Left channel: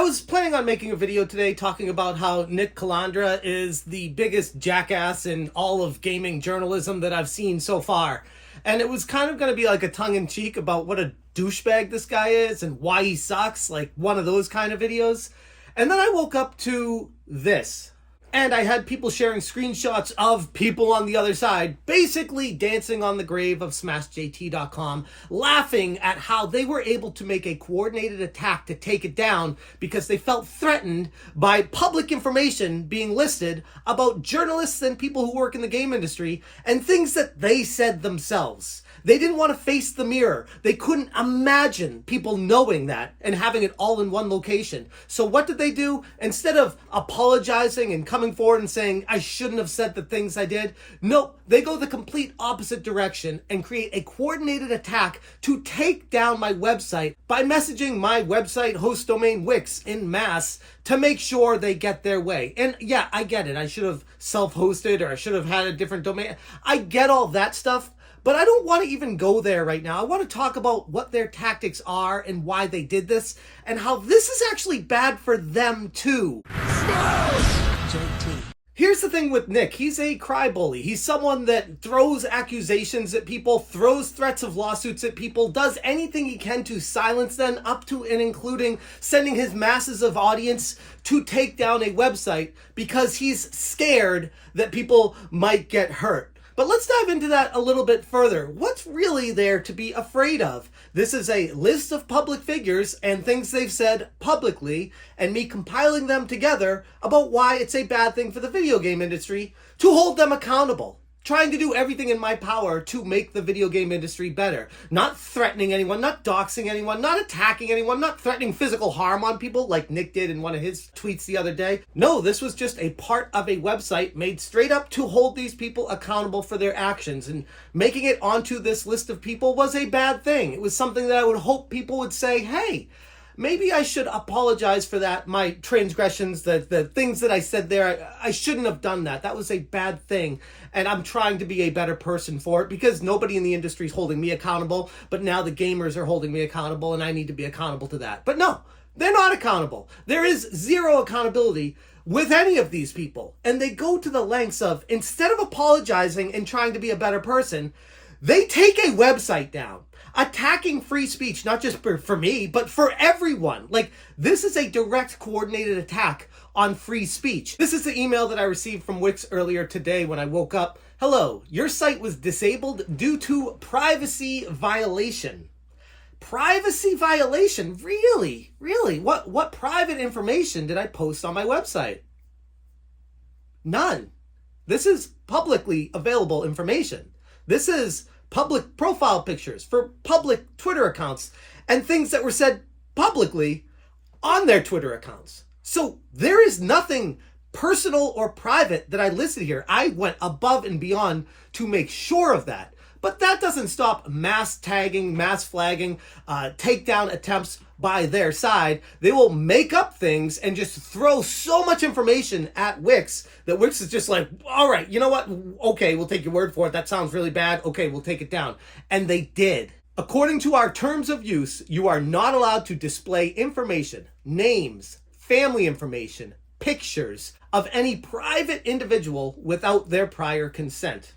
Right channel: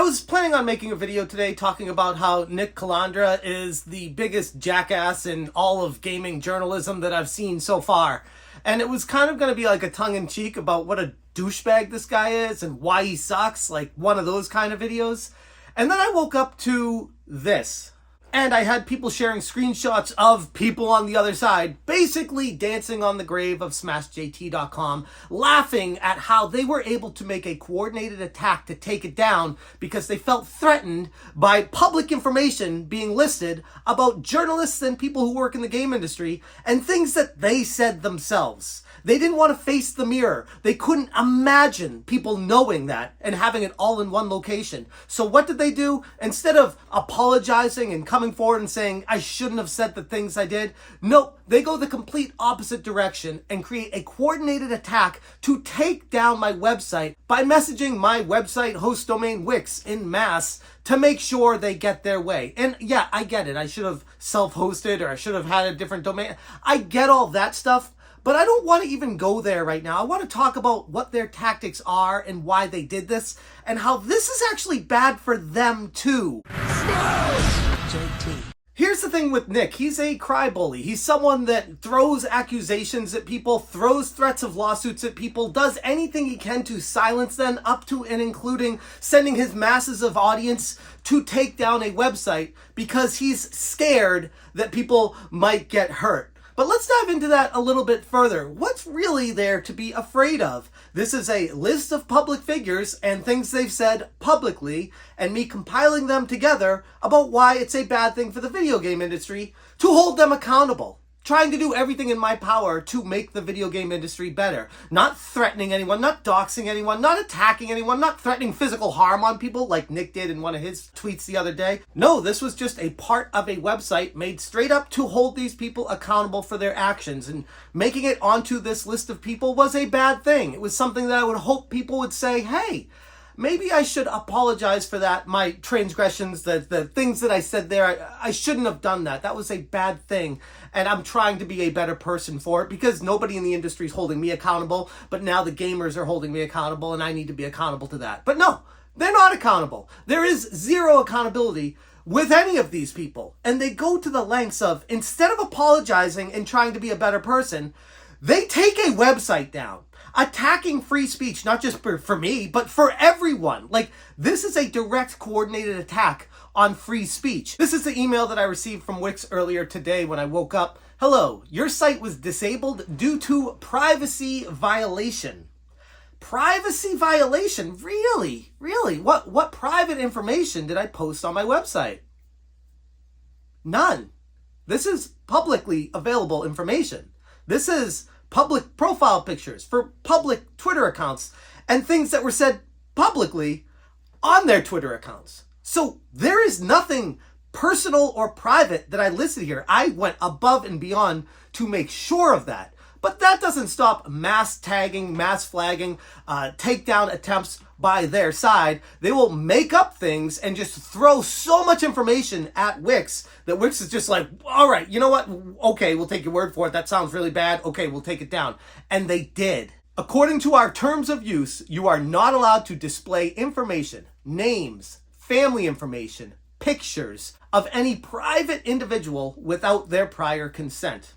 I was planning on making a video today talking about how Nick Calandra is the biggest jackass in all of gaming journalism that I've seen so far. And it was kind of going to be like a tongue-in-cheek about what a douchebag this guy is and why he sucks, like one of those kind of videos. And then I woke up to this. And I had people sharing screenshots of people on the other side basically dancing on the grave of SmashJT.com, laughing at how they were able to make a coordinated attack to take it down because they felt threatened by public information being listed about journalists and people who work in the game industry and things that they said themselves. They didn't want to face the mirror. They couldn't imagine people knowing that and having it all in one location. So what did they do? Instead of apologizing and coming forward and saying, I shouldn't have said the things I did, nope, they go the complete opposite direction and create a coordinated attack to take down my website by messaging my website host domain Wix in mass to make sure they get their way. And yeah, I get it. I should have self-hosted or I should have had a different domain. I get all that stuff. But I don't want to even go there right now. I want to talk about what their tactics are and why they did this and how this is actually bad for them too. JT. Here's the thing with Nick. He's a crybaby. He's someone that throws accusations at people, throws threats of lawsuits at people, does anything he can to silence them, up to and including sending his masses of audience to take down a website because he's scared that people might get hurt. But let's dive into that a little bit further. What's really there to be afraid of? This is a list of public figures and things they've said publicly and me compiling them together about why it's a bad thing for the video game industry to hold them accountable. Trying to do everything in my power to make the video game industry better. Not threatening anyone, not doxing anyone, not attacking anyone, not threatening physical harm on people like Nick did in one of his tweets the other day. No, this was just a part of a website made straight up to hold these people accountable for their actions. And making it onto this list of people was a bad thing. It was something that I would hope people would say, hey, maybe I should apologize for that, my transgressions, the things that I said there. I shouldn't have done that. That was a bad thing. And I'm trying to be a better person for it because nobody in the industry is holding me accountable. But now the gamers are holding me accountable and I need to be accountable to that. But no, they're not accountable. There is zero accountability with any of these people. And they go to the lengths of, instead of apologizing and trying to be a better person, they take a website down. Attacking free speech, not just for me, but for everyone. Like, this is a direct coordinated attack on free speech. This is the email that I received from Wix earlier today when I woke up. Hello, your site was disabled due to privacy violation. Privacy violation? Really? Really? What private information did I post on my website? None. This is publicly available information. This is public profile pictures for public Twitter accounts and things that were said publicly on their Twitter accounts. So there is nothing personal or private that I listed here. I went above and beyond to make sure of that. But that doesn't stop mass tagging, mass flagging, takedown attempts by their side. They will make up things and just throw so much information at Wix that Wix is just like, all right, you know what? Okay, we'll take your word for it. That sounds really bad. Okay, we'll take it down. And they did. According to our terms of use, you are not allowed to display information, names, family information, pictures of any private individual without their prior consent.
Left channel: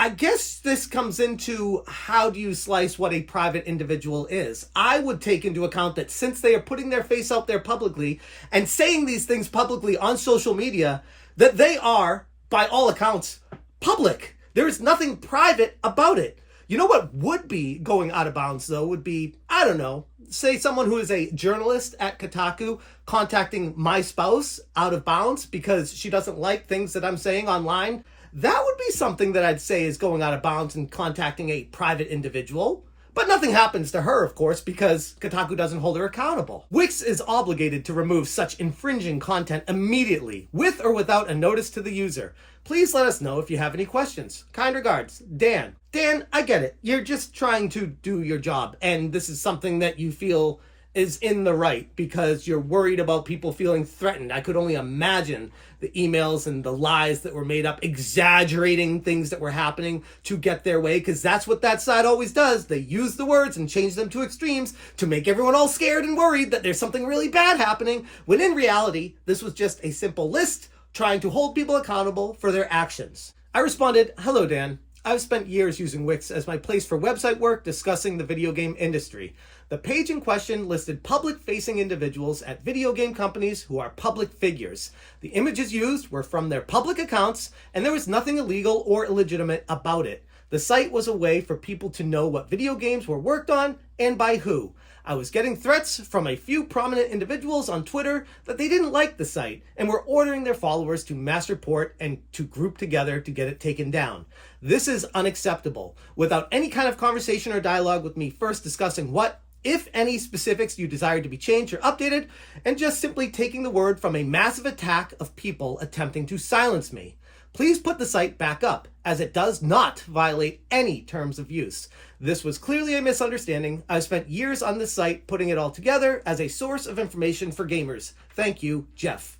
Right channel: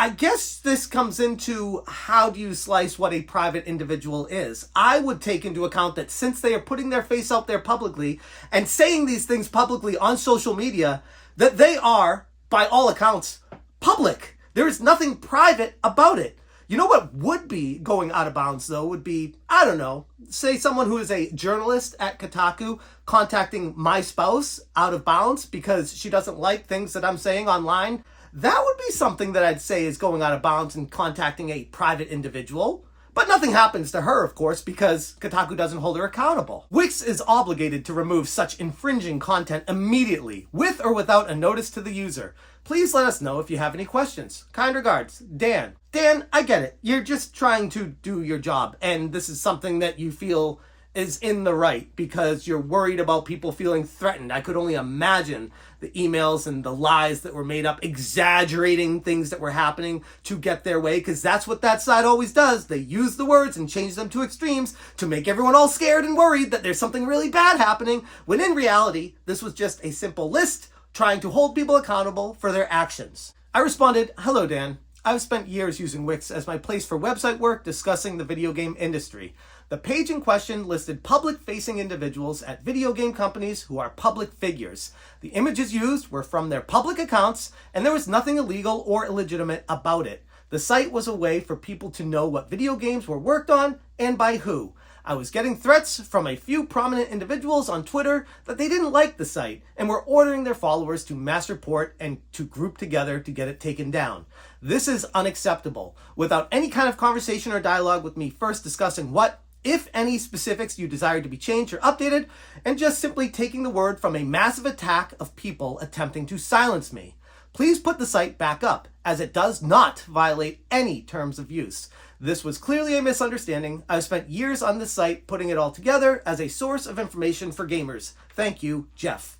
I guess this comes into how do you slice what a private individual is. I would take into account that since they are putting their face out there publicly and saying these things publicly on social media, that they are, by all accounts, public. There is nothing private about it. You know what would be going out of bounds, though, would be, I don't know, say someone who is a journalist at Kotaku contacting my spouse out of bounds because she doesn't like things that I'm saying online. That would be something that I'd say is going out of bounds and contacting a private individual. But nothing happens to her, of course, because Kotaku doesn't hold her accountable. Wix is obligated to remove such infringing content immediately, with or without a notice to the user. Please let us know if you have any questions. Kind regards, Dan. Dan, I get it. You're just trying to do your job, and this is something that you feel is in the right because you're worried about people feeling threatened. I could only imagine the emails and the lies that were made up, exaggerating things that were happening to get their way, because that's what that side always does. They use the words and change them to extremes to make everyone all scared and worried that there's something really bad happening, when in reality, this was just a simple list trying to hold people accountable for their actions. I responded, "Hello, Dan. I've spent years using Wix as my place for website work discussing the video game industry. The page in question listed public-facing individuals at video game companies who are public figures. The images used were from their public accounts, and there was nothing illegal or illegitimate about it. The site was a way for people to know what video games were worked on and by who. I was getting threats from a few prominent individuals on Twitter that they didn't like the site and were ordering their followers to mass report and to group together to get it taken down. This is unacceptable. Without any kind of conversation or dialogue with me first discussing what, if any, specifics you desire to be changed or updated, and just simply taking the word from a massive attack of people attempting to silence me. Please put the site back up, as it does not violate any terms of use. This was clearly a misunderstanding. I've spent years on this site putting it all together as a source of information for gamers. Thank you, Jeff."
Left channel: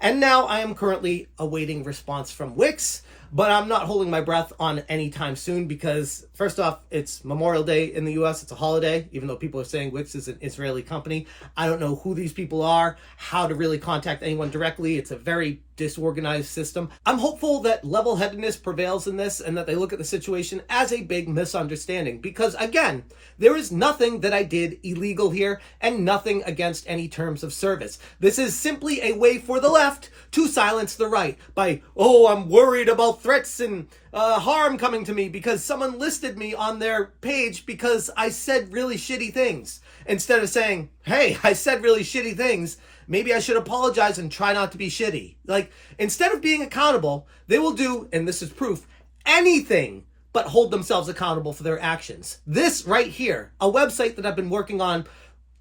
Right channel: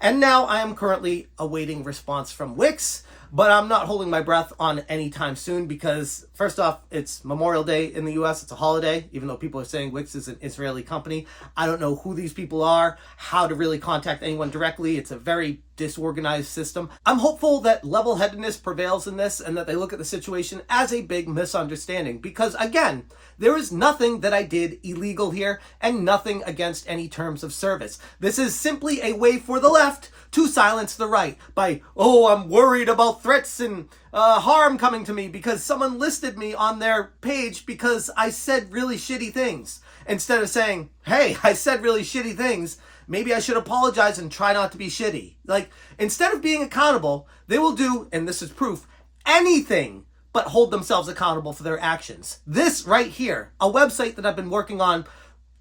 And now I am currently awaiting response from Wix, but I'm not holding my breath on any time soon because, first off, it's Memorial Day in the US. It's a holiday, even though people are saying Wix is an Israeli company. I don't know who these people are, how to really contact anyone directly. It's a very disorganized system. I'm hopeful that level-headedness prevails in this and that they look at the situation as a big misunderstanding because, again, there is nothing that I did illegal here and nothing against any terms of service. This is simply a way for the left to silence the right by, "Oh, I'm worried about threats and harm coming to me because someone listed me on their page because I said really shitty things." Instead of saying, "Hey, I said really shitty things. Maybe I should apologize and try not to be shitty." Like, instead of being accountable, they will do, and this is proof, anything but hold themselves accountable for their actions. This right here, a website that I've been working on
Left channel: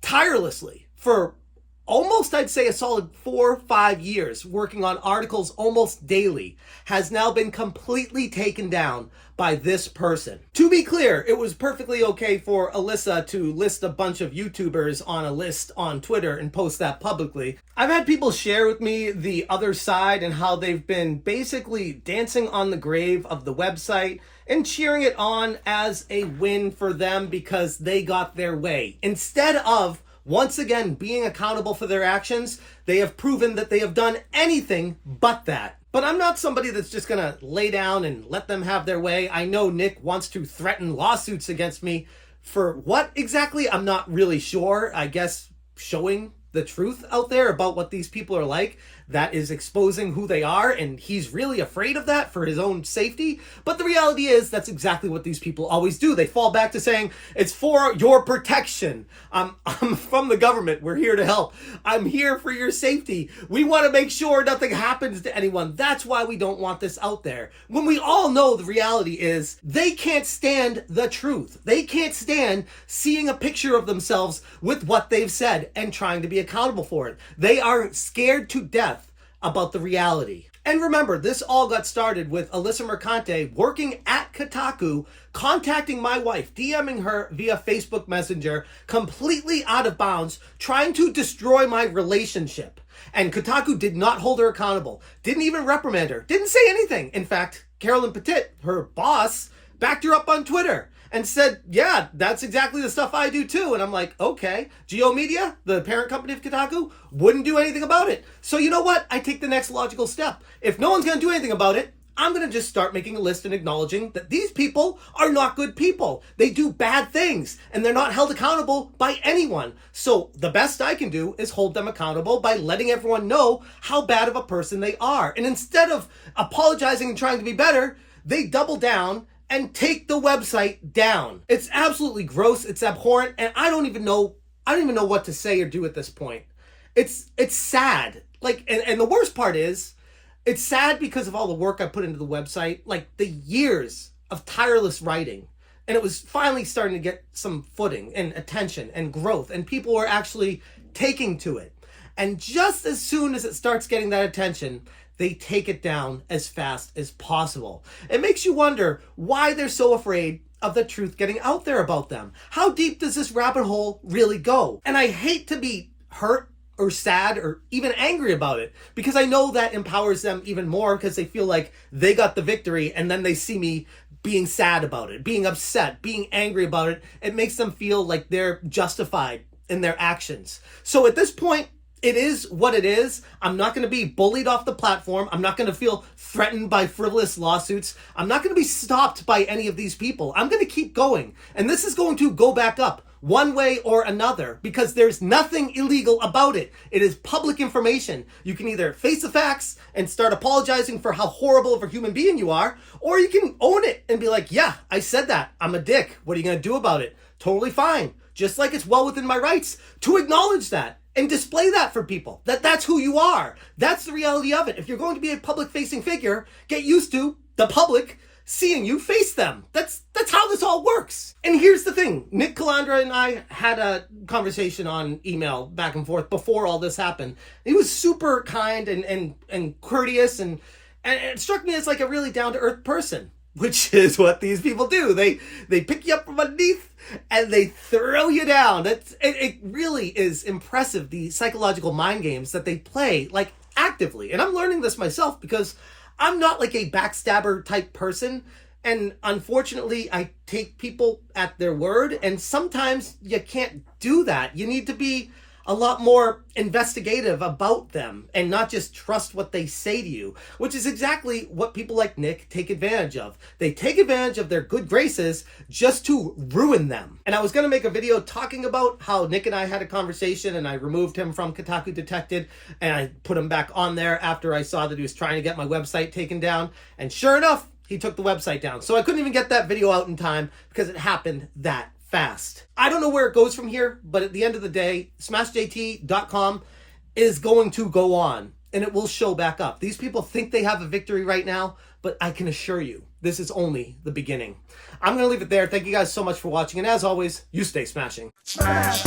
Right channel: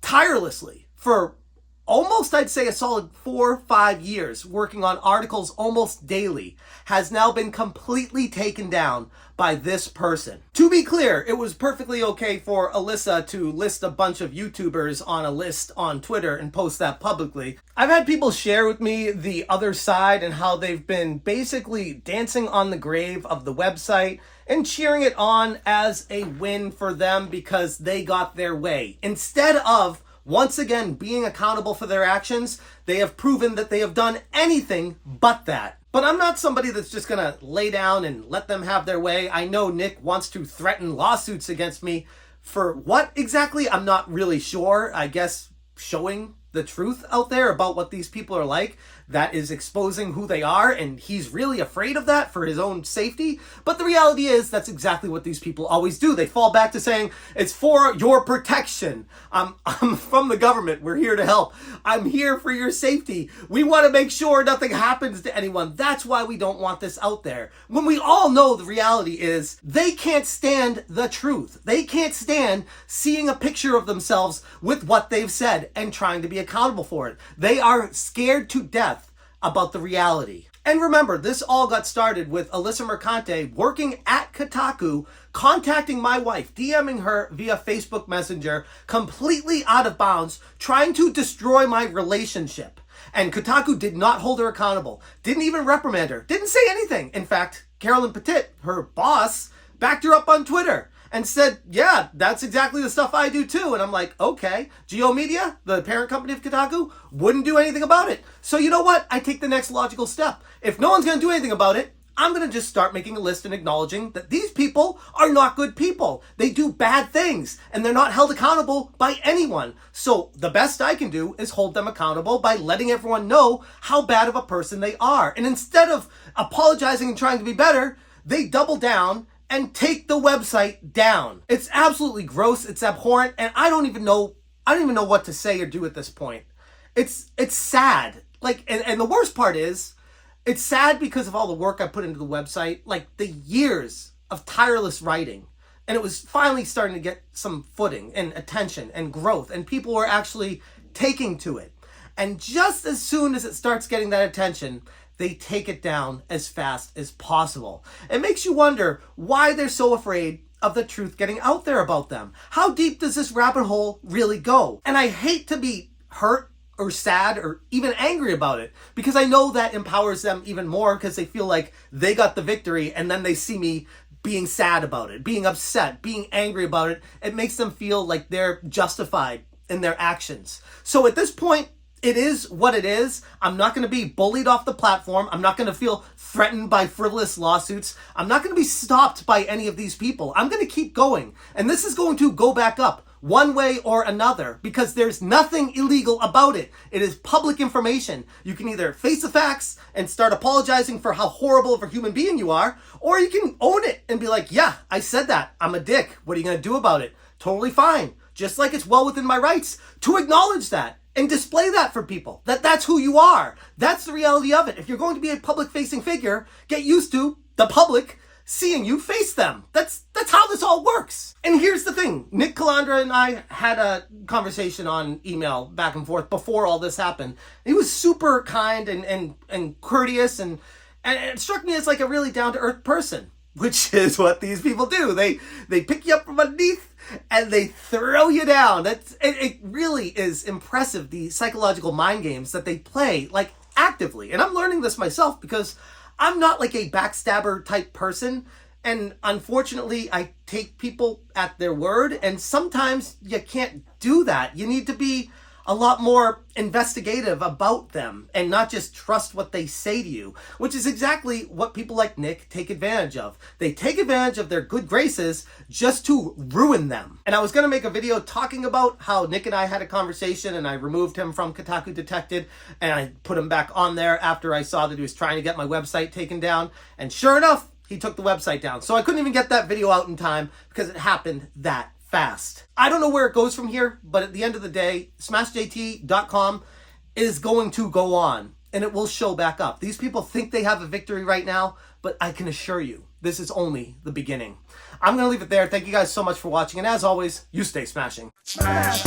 tirelessly for almost, I'd say, a solid 4 or 5 years, working on articles almost daily, has now been completely taken down by this person. To be clear, it was perfectly okay for Alyssa to list a bunch of YouTubers on a list on Twitter and post that publicly. I've had people share with me the other side and how they've been basically dancing on the grave of the website and cheering it on as a win for them because they got their way. Instead of, once again, being accountable for their actions, they have proven that they have done anything but that. But I'm not somebody that's just going to lay down and let them have their way. I know Nick wants to threaten lawsuits against me. For what exactly? I'm not really sure. I guess showing the truth out there about what these people are like, that is exposing who they are, and he's really afraid of that for his own safety. But the reality is that's exactly what these people always do. They fall back to saying, "It's for your protection. I'm from the government. We're here to help. I'm here for your safety. We want to make sure nothing happens to anyone." That's why we don't want this out there. When we all know the reality is they can't stand the truth. They can't stand seeing a picture of themselves with what they've said and trying to be accountable for it. They are scared to death about the reality. And remember, this all got started with Alyssa Mercante working at Kotaku, contacting my wife, DMing her via Facebook Messenger, completely out of bounds, trying to destroy my relationship. And Kotaku did not hold her accountable, didn't even reprimand her, didn't say anything. In fact, Carolyn Petit, her boss, backed her up on Twitter and said, "Yeah, that's exactly the stuff I do too." And I'm like, okay. Geo Media, the parent company of Kotaku, wouldn't do anything about it. So you know what? I take the next logical step. If no one's going to do anything about it, I'm going to just start making a list and acknowledging that these people are not good people. They do bad things and they're not held accountable by anyone. So the best I can do is hold them accountable by letting everyone know how bad of a person they are. And instead of apologizing and trying to be better, they double down and take the website down. It's absolutely gross. It's abhorrent. And I don't even know what to say or do at this point. It's sad. Like, and the worst part is, it's sad because of all the work I put into the website, like the years of tireless writing. And it was finally starting to get some footing and attention and growth, and people were actually taking to it. And just as soon as it starts getting that attention, they take it down as fast as possible. It makes you wonder why they're so afraid of the truth getting out there about them. How deep does this rabbit hole really go? And I hate to be hurt or sad or even angry about it, because I know that empowers them even more, because they feel like they got the victory, and then they see me being sad about it, being upset, being angry about it. It makes them feel like they're justified in their actions. So at this point, it is what it is. I'm not going to be bullied off the platform. I'm not going to feel threatened by frivolous lawsuits. I'm not going to be stopped by any of these people. I'm going to keep going. And this is going to go back up one way or another, because there's nothing illegal about it. It is public information. You can either face the facts and start apologizing for how horrible of a human being you are, or you can own it and be like, yeah, I said that. I'm a dick. What are you going to do about it? Totally fine. Just like it's well within my rights to acknowledge that and display that for people, that's who you are. That's the reality of it. If you're going to be a public-facing figure, get used to the public seeing you face them. That's how this all works. And here's the thing. Nick Calandra and I had a conversation on email back and forth before all this happened. He was super kind and courteous, and it struck me as like a really down-to-earth person, which is what these people do. They pick you up from underneath and they throw you down. It really is impressive, the psychological mind games that they play, like, actively. And I'm learning this myself, because I'm not like a backstabber type person. And unfortunately, I take people at their word. And sometimes you can't do that. You need to be a lot more investigative about them and not just trust what they say to you, which is exactly what people like Nick take advantage of. They take advantage of their good graces just to ruin them. And I was going to make a video talking about how Nick and I had a conversation, and I removed him from Kotaku Detected, and I put him back on there after I saw that he was trying to get my website taken down. And sure enough, he took the website down. So I couldn't even get that video out in time, because it happened that fast. I don't know where it goes from here, but at the end of the day, smashjt.com is going to go on, and it will show back up. These people think they have a victory right now, but I can assure you, this is only the beginning. I'm going to leave it there. Thank you guys so much for watching, and as always, you stay smashing. Smash